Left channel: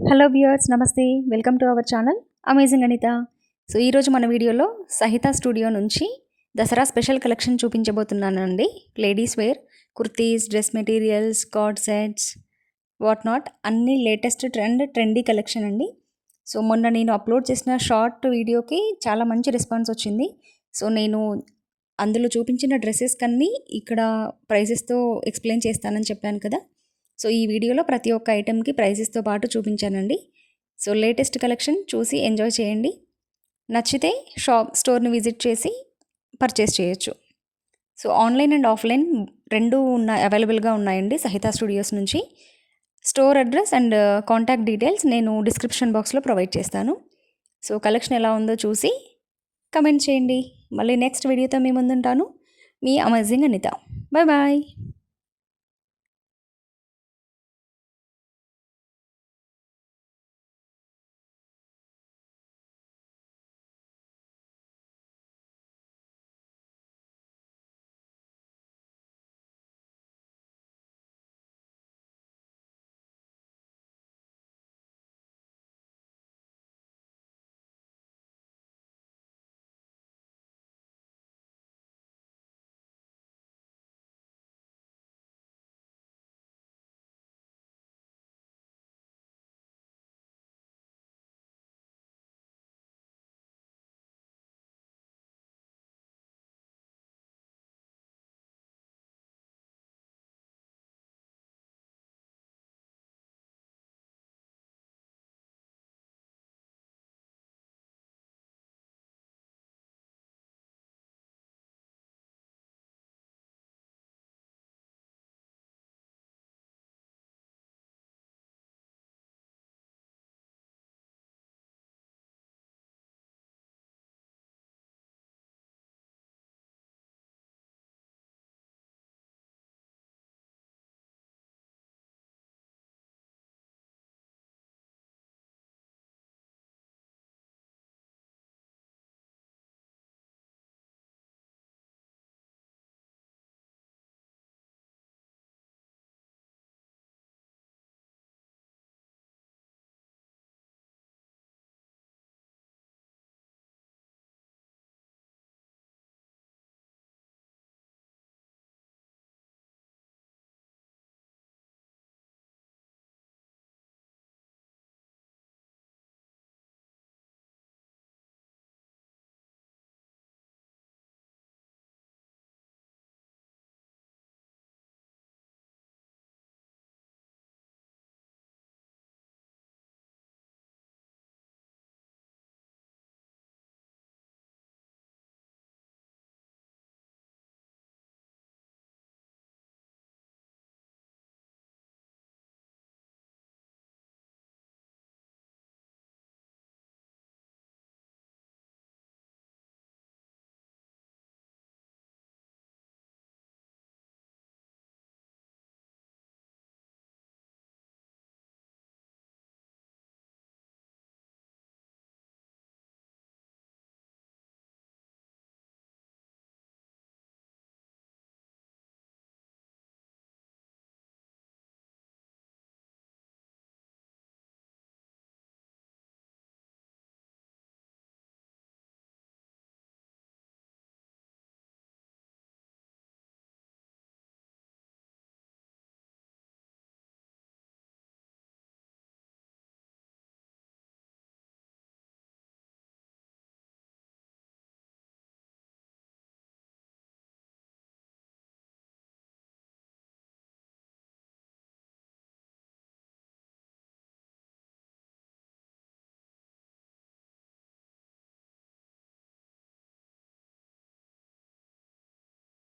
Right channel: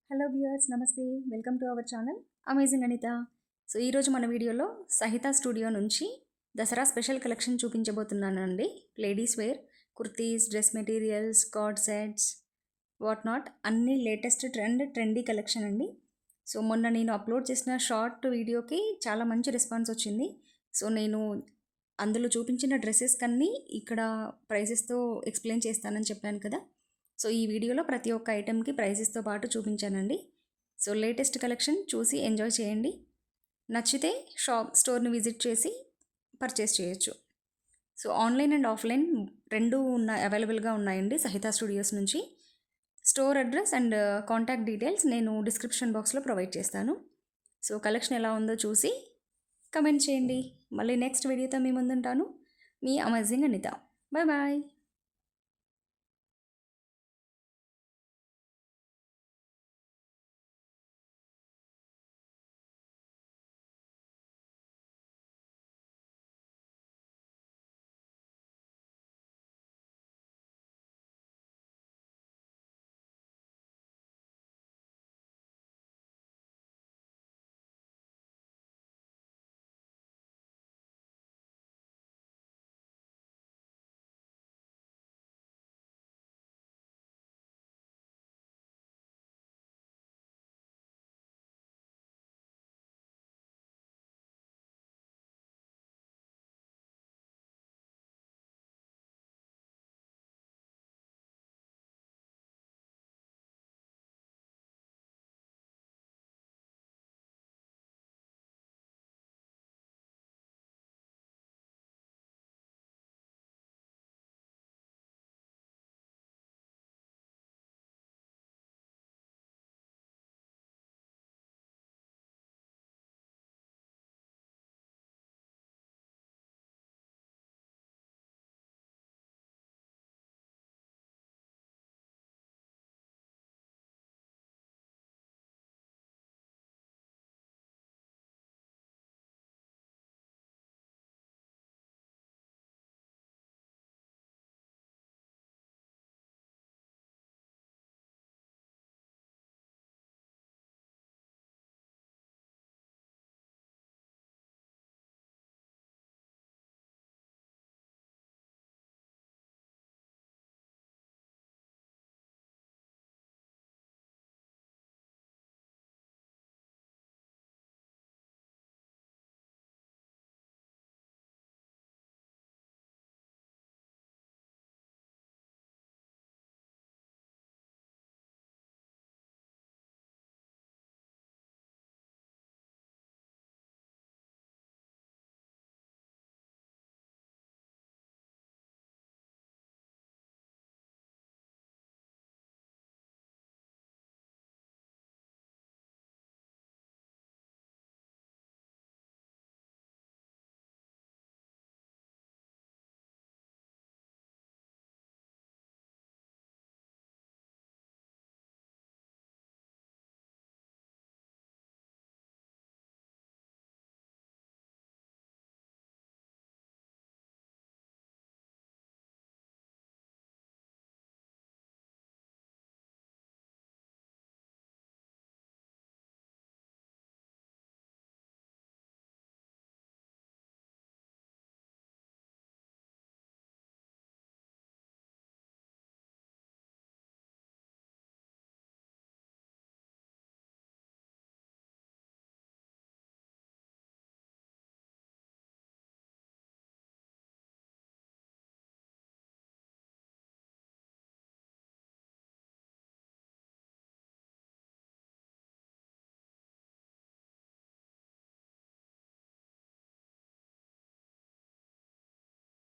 Hello viewers, నమస్తే. Welcome to our channel amazing Anitha. So ఈరోజు మన వీడియోలో సహిత స్టూడియో నుంచి దసరా స్పెషల్ కలెక్షన్ చూపించబోతున్నానండి. Ladies wear kurtis, dress materials, coord sets, what not అన్ని లేటెస్ట్ ట్రెండీ కలెక్షన్ అండి. సో మొన్న నేను అప్లోడ్ చేసిన షార్ట్ వీడియోకి చాలా మంచి రెస్పాన్స్ వచ్చింది. సో నేను అందులో చూపించిన డ్రెస్సెస్ కన్నీ ఇక్కడ ప్రైజెస్తో ఎక్స్ప్లెయిన్ చేస్తానని చెప్పాను కదా. సో ఈ వీడియోలో ప్రతి ఒక్క ఐటెంకి ప్రైజెస్తో పాటు చూపించానండి. సో లేటెస్ట్ కలెక్షన్ చూసి ఎంజాయ్ చేయండి. నచ్చితే స్టోర్ని విజిట్ చేసి పర్చేస్ చేయొచ్చు. సో ఆన్లైన్ అండ్ ఆఫ్లైన్ రెండు అవైలబుల్గా ఉన్నాయండి సహిత స్టూడియోస్ నుంచి. Store address and contact details నేను డిస్క్రిప్షన్ బాక్స్లో ప్రొవైడ్ చేస్తాను. సో కలెక్షన్ ఎలా ఉందో చూసి కమెంట్ చేయండి. మళ్ళీ నెక్స్ట్ వీడియోతో మీ ముందుంటాను. మీ అమేజింగ్ అనిత. Bye bye.